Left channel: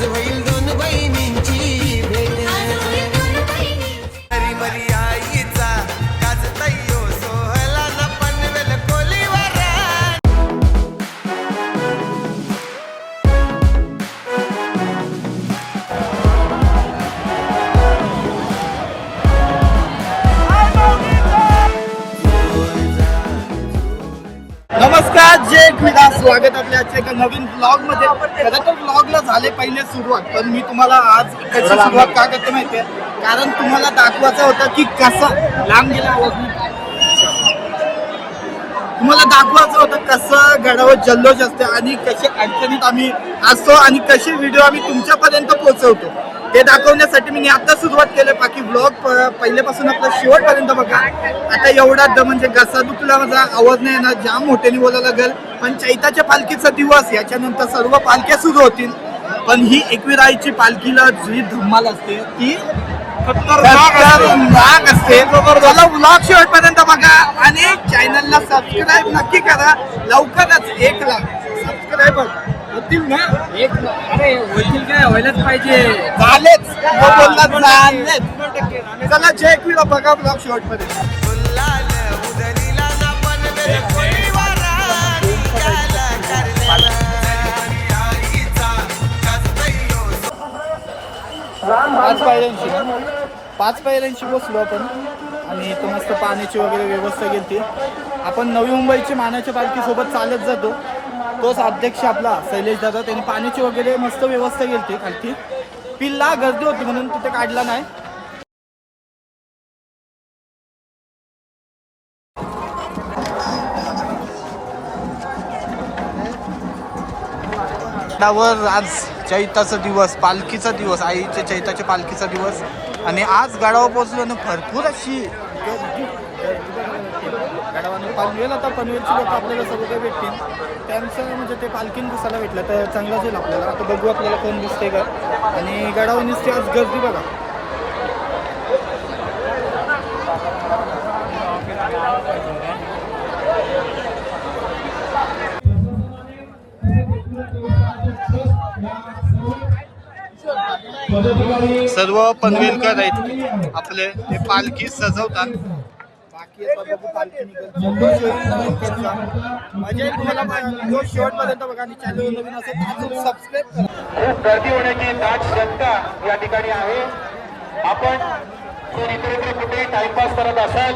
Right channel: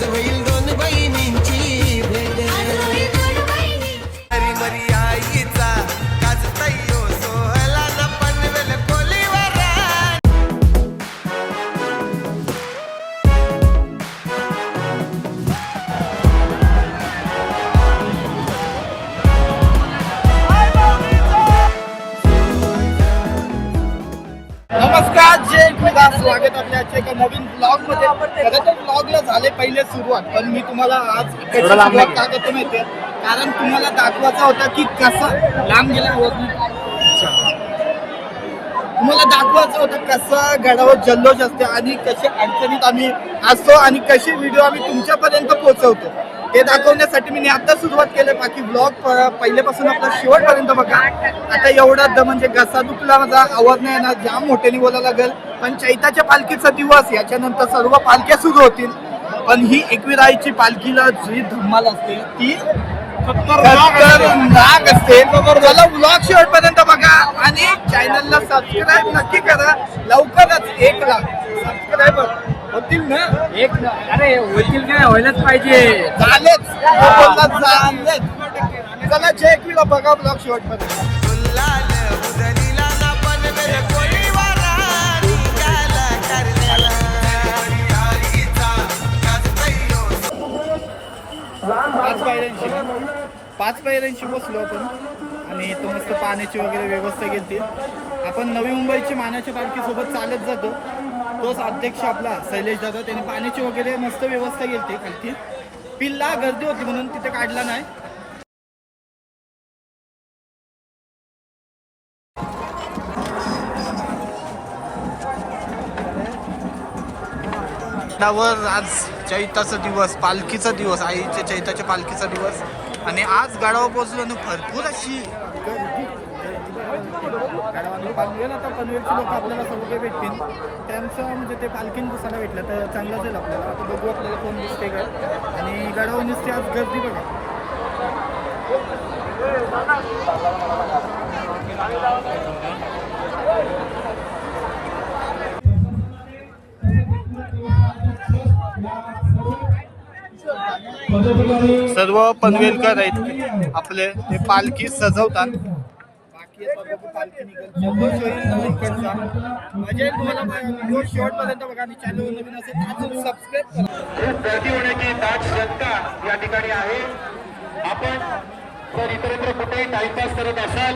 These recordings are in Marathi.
आज होईल दोन बहिणींची भेट हरी मरी आईचा गाजतयो सोहला ना पनवेल कोलीवर नमस्कार जय क्रीडा स्वागत आपल्या आजच्या एका नवीन ब्लॉग मध्ये. खरं तर ब्लॉगला झाले पहिले सुरुवात, पण मी तुम्हाला आज कशी सुरुवात का करते माहितीये, कारण तुम्हाला दाखवायचं होतं की कसं लांब गेला आवाज तुम्हाला दाखवायचं होतं कसं गडावर जल्लोष असते आणि कसे अडचणीत आम्ही असतो आणि कसे व्हिडिओ आम्ही तुमच्यापर्यंत पोहोचवतो ते दाखवण्यासाठी मी आता सुरुवात केलं. बाकी ब्लॉग पहिल्यापासून आपला शेवटपर्यंत बघा. आता एवढा म्हणजे घसा दुखला, माझा आवाज नाही येणार, जाम मोठ्याने बोलायला लागेल. पण चैताच्या पालखीचा दिवस, याच्यानंतर सर्व पालख्या सुरू होतील. पण ही एकविराईची पालखीला जी धम्माल असते ती नाग असते. चला ब्लॉग शेवटपर्यंत बघा आणि चॅनलला सबस्क्राईब नक्की करा. लवकरच 1 लाख सबस्क्रायबर होतील ना. अरे होतील काय, व्हायलाच पाहिजे. झालेच बोलला झालेच. चला जय क्रीडा बघा ब्लॉग शेवटपर्यंत. गुलाल उधळीला ना पनवेल कोलीवर निघाला करण्याला 5 पायऱ्यांची ना, 5 पायऱ्यांची बसलो आपण आणि इथं मस्त पाण्याची वगैरे व्यवस्था केली. आपण नवी मुंबईची मानाच्या पालखीसोबत चालत जातो. तोच अध्यक्ष आपला शैलेश दादा, त्यांनी पाण्याची वगैरे मस्त व्यवस्था केली खालती. पिल्ला गर्दी होती म्हणून तिथे काढला नाही. आज चैताचा दिवस, पालखीचा दिवस, आईच्या चैताच्या पालखीचा दिवस आणि आज गडावर पोहोचलो ना. भरपूर अशी गडावानी पालखी येईल. आता पनवेलची लोक आपल्याला सगळं काही भेटतील, त्यांचं म्हणजे ते पालखीन दिसायला भेटलं तर चांगलाच होईल आपल्याला. आता बघू आपल्याला कोण दिसते का. आणि गडावर निसते आज गर्दी बघा. सर्व पनवेलकर आहेत आपले, ते पालखी सजवतात. बाकी पालखी निघाल मजा येईल तुम्हाला. व्हिडिओ शेवटपर्यंत बघा आणि चॅनल नवीन असेल तर सबस्क्राईब करा. खूप गर्दी होण्याची दाट शक्यता या ठिकाणी आहे. आपण कोण इतरत्र कुठेही टाइमपास करत असाल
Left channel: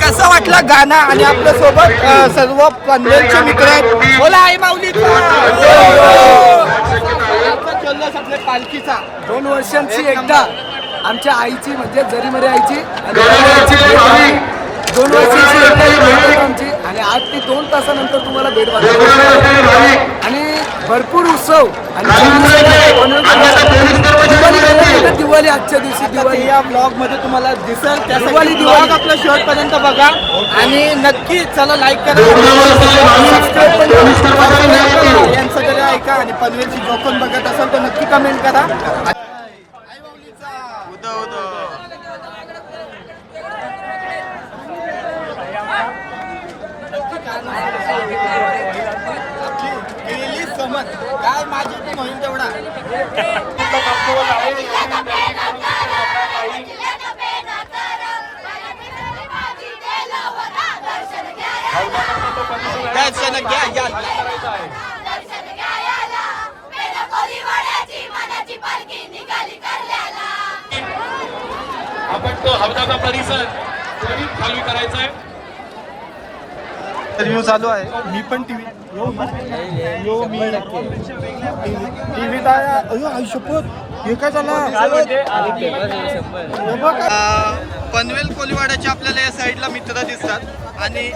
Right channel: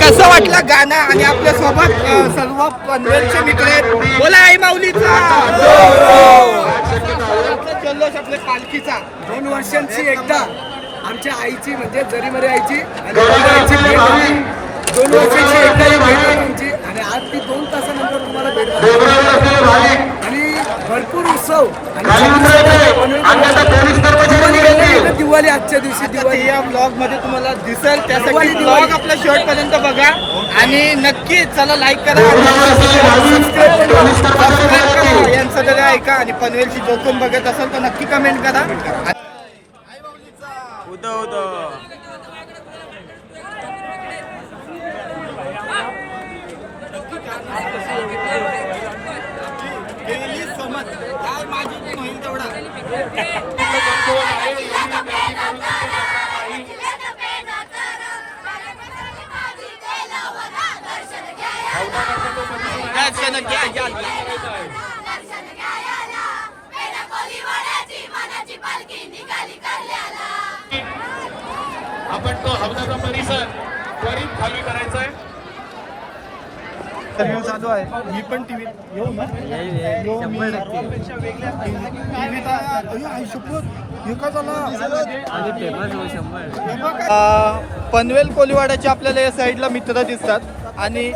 कसं वाटलं गाणं आणि आपल्या सोबत सर्व पनवेलचे मित्र आहेत. बोला आई माऊलीचा जल्लोष आपल्या पालखीचा. 2 वर्षांची एकदा आमच्या आईची म्हणजे जरीमरी आईची आणि आईची भेट झाली. 2 वर्षांची एकदा ही भेट होती आमची आणि आज ती 2 तासानंतर तुम्हाला भेट झाली. आणि भरपूर उत्सव आणि दिवाळी आजच्या दिवशी दिवाळी या ब्लॉग मध्ये तुम्हाला दिसेल, त्यासाठी ब्लॉग आपला शेवटपर्यंत बघा आणि नक्की चला लाईक करा आणि सबस्क्राईब करा. यांचं तरी ऐका आणि पनवेलची जो कोण बघत असाल तर नक्की कमेंट करा. काय माझी पण होईल तेवढा. आपण तो हलकाचा परिसर त्वरित खाली करायचा आहे. इंटरव्ह्यू चालू आहे. मी पण टीव्हीत येऊ ना. टीव्हीत हे काय झालं. पनवेल कोलीवाड्याचे आपल्याला या साईडला मित्र दिसतात आणि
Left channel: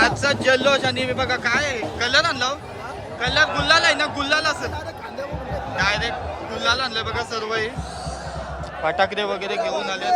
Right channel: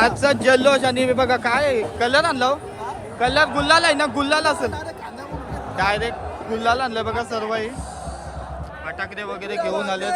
आजचा जल्लोष आणि बघा काय कलर आणला हो? कलर गुल्लाल आहे ना. गुल्लाल असेल डायरेक्ट गुल्लाल आणलाय बघा. सर्व फटाकडे वगैरे घेऊन आले.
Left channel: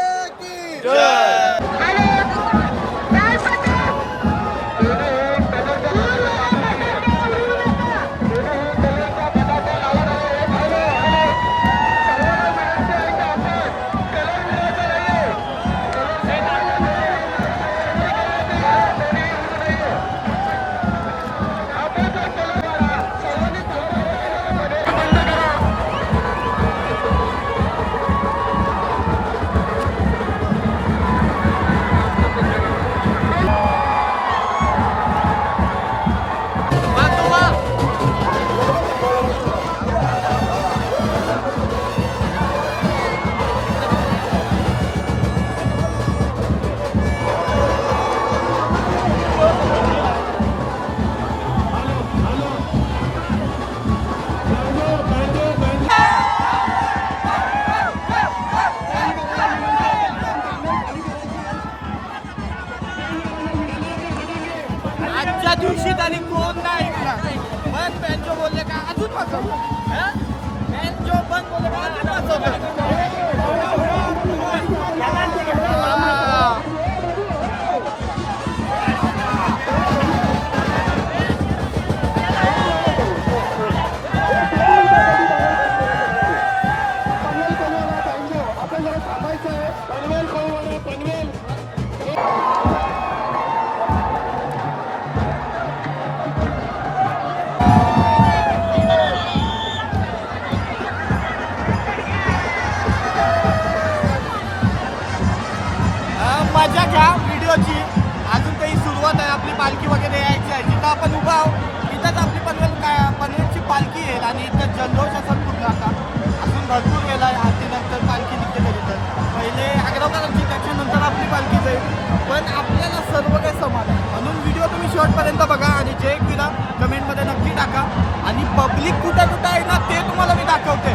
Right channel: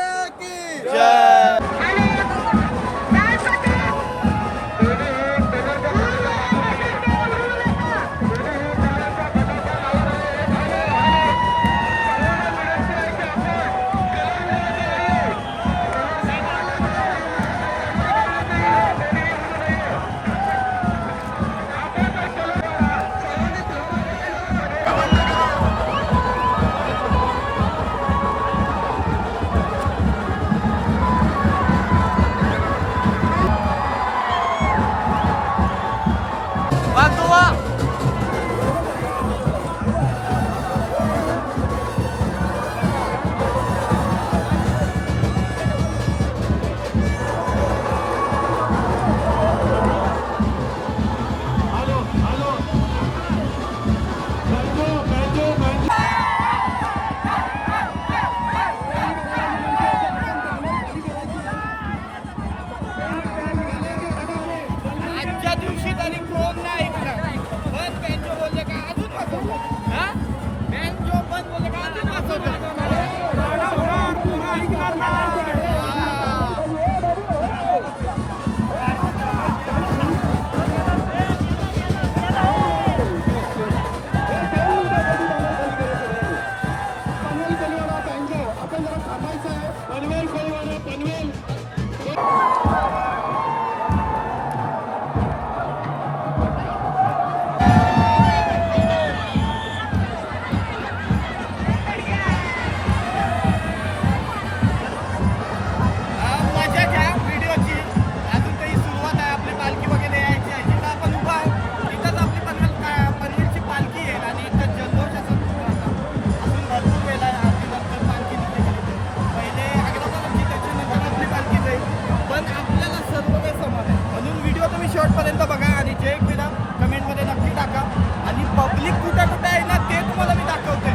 शेवटपर्यंत बघा आणि जे एक विधा कमेंटमध्ये नक्की टाका आणि पब्लिक कुठं कुठं आहे ना ते तुम्हाला मी दाखवतोय.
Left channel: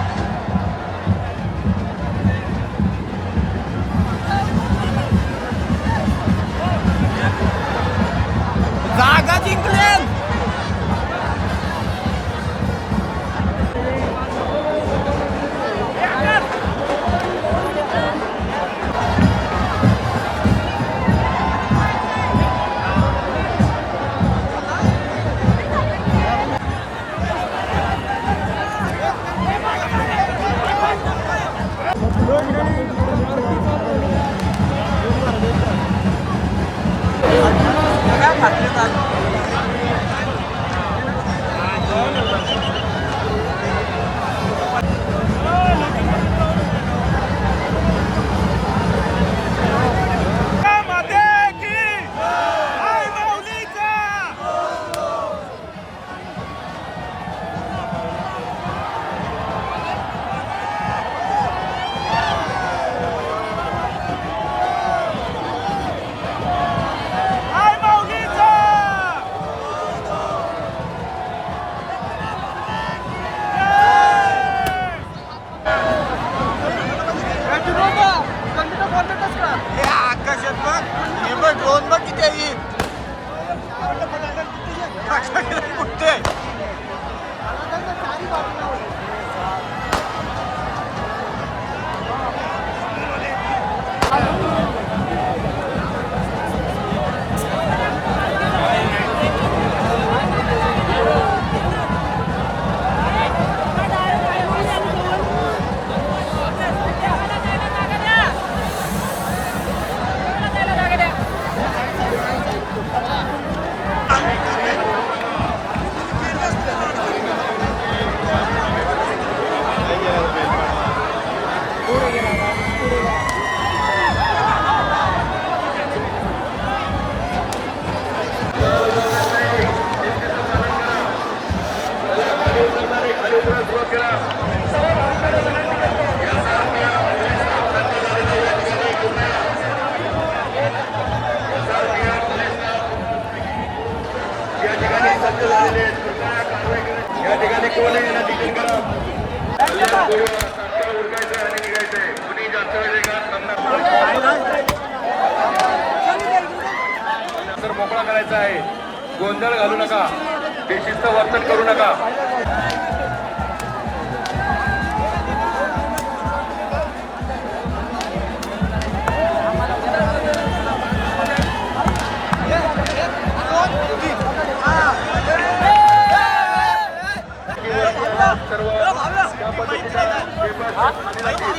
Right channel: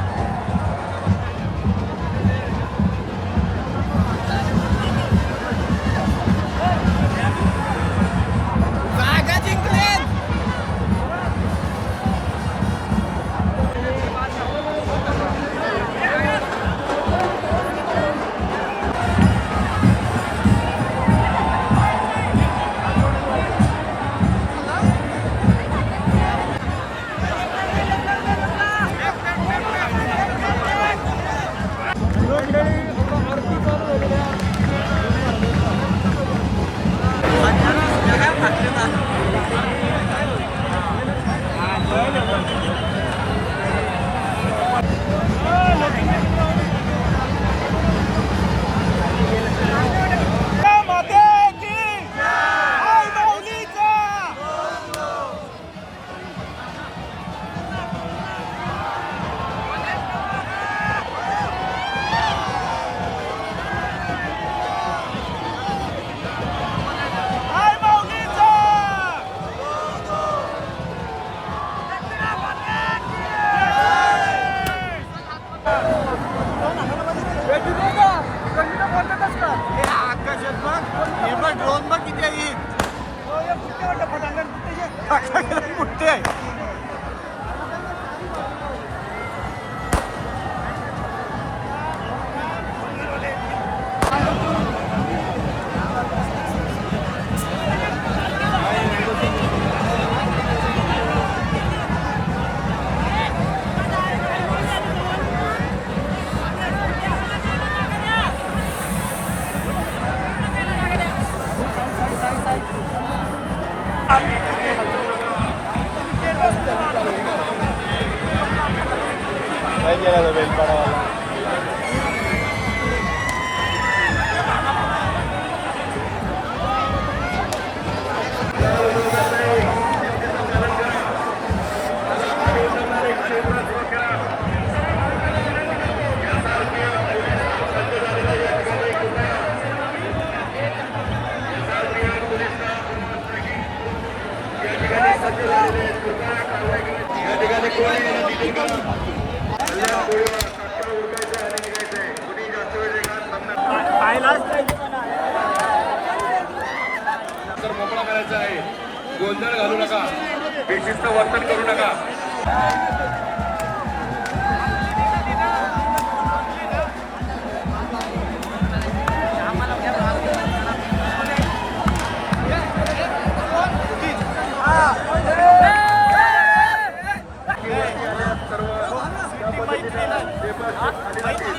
जागा जिंकले. आकाशात बघ हे बघ ड्रोन बघ किती आहे. मोठे आहे. तर मोकळा करायचा आहे. गोंधळ घालू नका, बेशिस्त वर्तन करू नका. मैत्रीण